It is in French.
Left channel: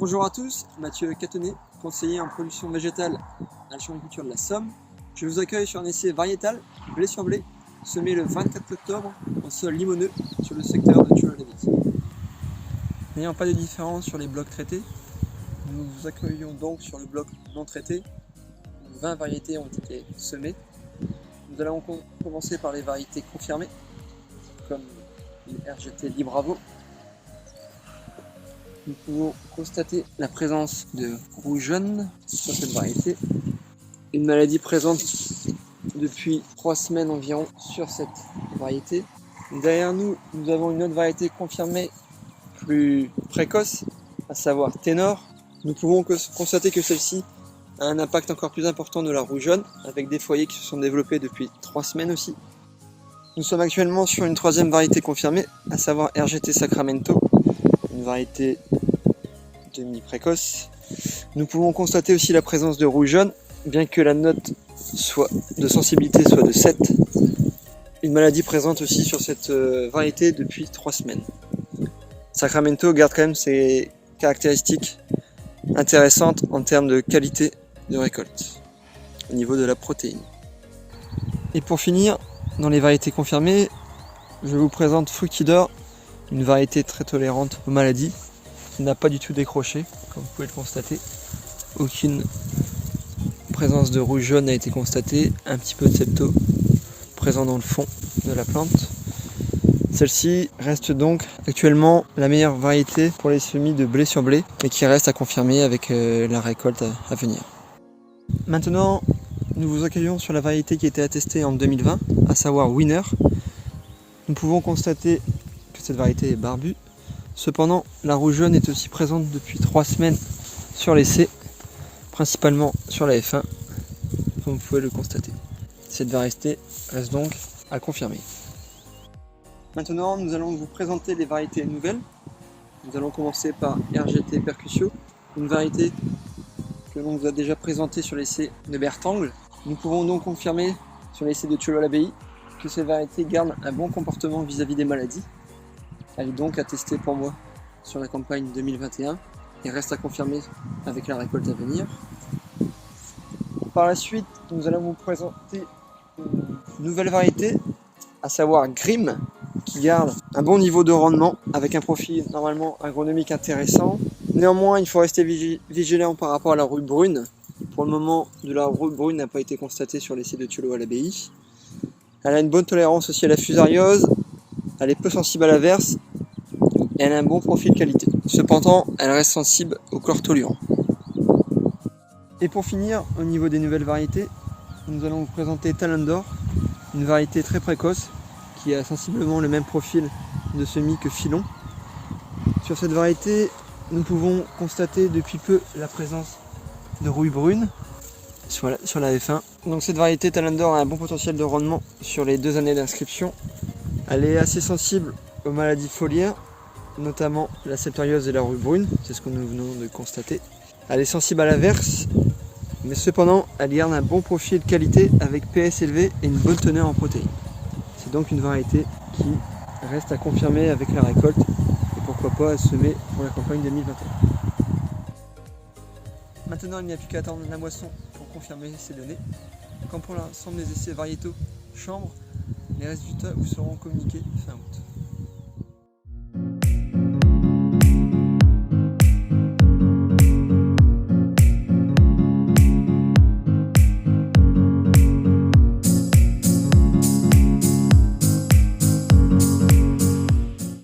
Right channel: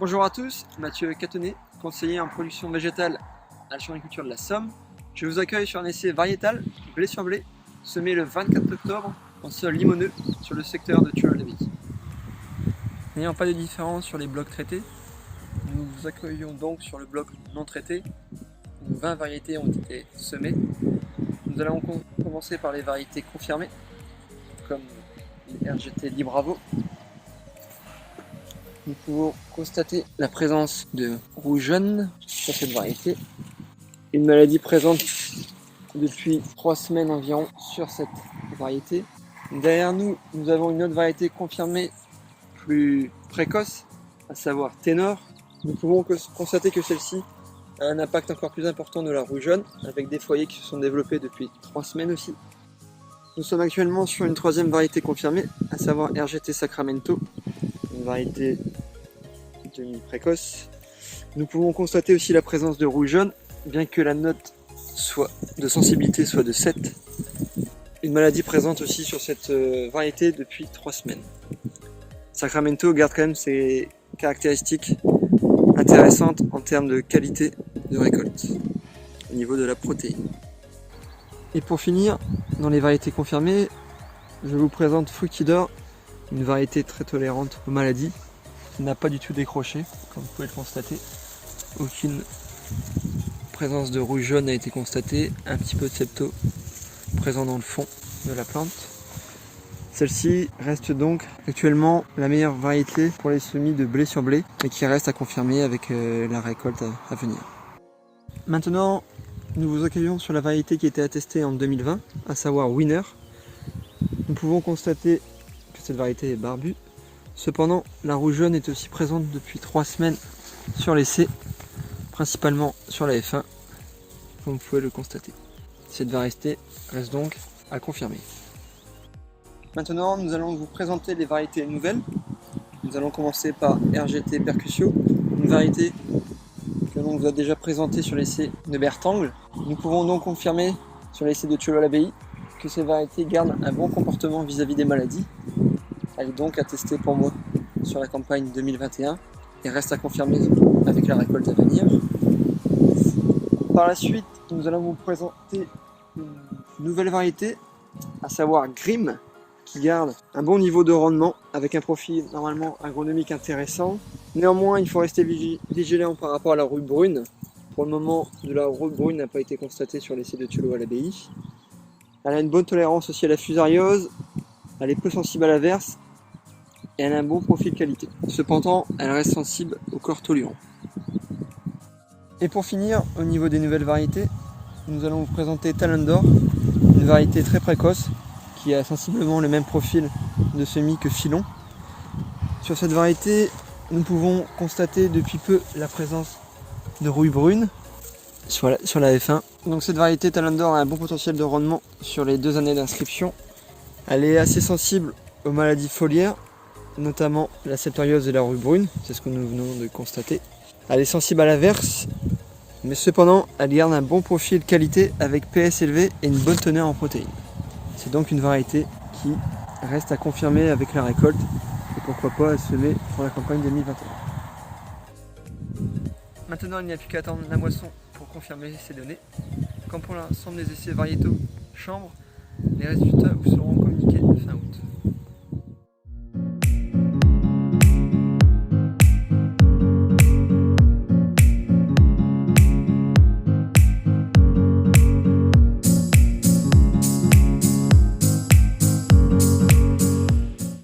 Bonjour à tous, Mathieu Catonnet, conseiller en production végétale à la Chambre d'agriculture de la Somme. Je vous accueille sur un essai variétal, blé sur blé, semé le 24 octobre en sol limoneux sur le secteur de Thuleau-l'Abbaye. N'ayant pas de différence sur les blocs traités, nous vous accueillons donc sur le bloc non traité, où 20 variétés ont été semées. Nous allons commencer par les variétés confirmées, comme les RGT Libravo. Nous pouvons constater la présence de rouge jaune sur cette variété, une maladie présente depuis 3 semaines environ sur cette variété. Derrière nous, nous avons une autre variété confirmée plus précoce, à savoir Ténor. Nous pouvons constater que celle-ci a un impact encore plus important de la rouge jaune, avec des foyers qui se sont développés depuis 3 semaines aussi. Nous sommes actuellement sur une troisième variété confirmée, à savoir RGT Sacramento, une variété demi-précoce. Nous pouvons constater aussi la présence de rouge jaune, bien que la note de sensibilité soit de 7. Une maladie présente aussi sur cette variété depuis 3 semaines. Sacramento garde quand même ses caractéristiques intéressantes en termes de qualité de récolte, au niveau de la protéine. Et pour finir, dans les variétés confirmées, je vous présente Fructidor, une variété très tolérante aux maladies, qui n'a pas du tout décroché, comme vous pouvez le constater. Aucune présence de rouge jaune n'a été constatée, un petit peu de septo présent dans le fond de la plante. Celle-ci reste donc actuellement la meilleure variété pour les semis de blé sur blé, et qui reste à confirmer avec la récolte à venir. Maintenant, nous vous accueillons sur la variété qui a été attestée en 2020, à savoir Winner. Nous pouvons constater que cette variété est barbue. Cependant, la rouge jaune est aussi présente depuis 3 semaines sur l'essai, principalement sur la F1, comme vous pouvez le constater. Cette variété reste donc à confirmer. Maintenant, nous allons vous présenter les variétés nouvelles. Nous allons commencer par RGT Percusio, une variété que l'on vous a déjà présentée sur l'essai de Bertangle. Nous pouvons donc confirmer sur l'essai de Thuleau-l'Abbaye que cette variété garde un bon comportement vis-à-vis des maladies. Elle est donc attestée pour moi sur la campagne 2021 et reste à confirmer avec la récolte à venir. Par la suite, nous allons vous présenter une nouvelle variété, à savoir Grim, qui garde un bon niveau de rendement avec un profil normalement agronomique intéressant. Néanmoins, il faut rester vigilant par rapport à la rouille brune. Pour le moment, de la rouille brune n'a pas été constatée sur l'essai de Thuleau-l'Abbaye. Elle a une bonne tolérance aussi à la fusariose, elle est peu sensible à l'averse et elle a un bon profil qualité. Cependant, elle reste sensible au chlortolurant. Et pour finir, au niveau des nouvelles variétés, nous allons vous présenter Talendor, une variété très précoce qui a sensiblement le même profil de semis que Filon. Sur cette variété, nous pouvons constater depuis peu la présence de rouille brune sur la F1. Donc cette variété Talendor a un bon potentiel de rendement sur les 2 années d'inscription. Elle est assez sensible aux maladies foliaires, notamment la septoriose et la rouille brune, c'est ce que nous venons de constater. Elle est sensible à l'averse, mais cependant elle garde un bon profil qualité avec PS élevé et une bonne teneur en protéines. C'est donc une variété qui reste à confirmer avec la récolte et pourquoi pas à semer pour la campagne 2021. Maintenant, il n'y a plus qu'à attendre la moisson pour confirmer ces données. Comme pour l'ensemble des essais variétaux chambre, les résultats vous seront communiqués fin août.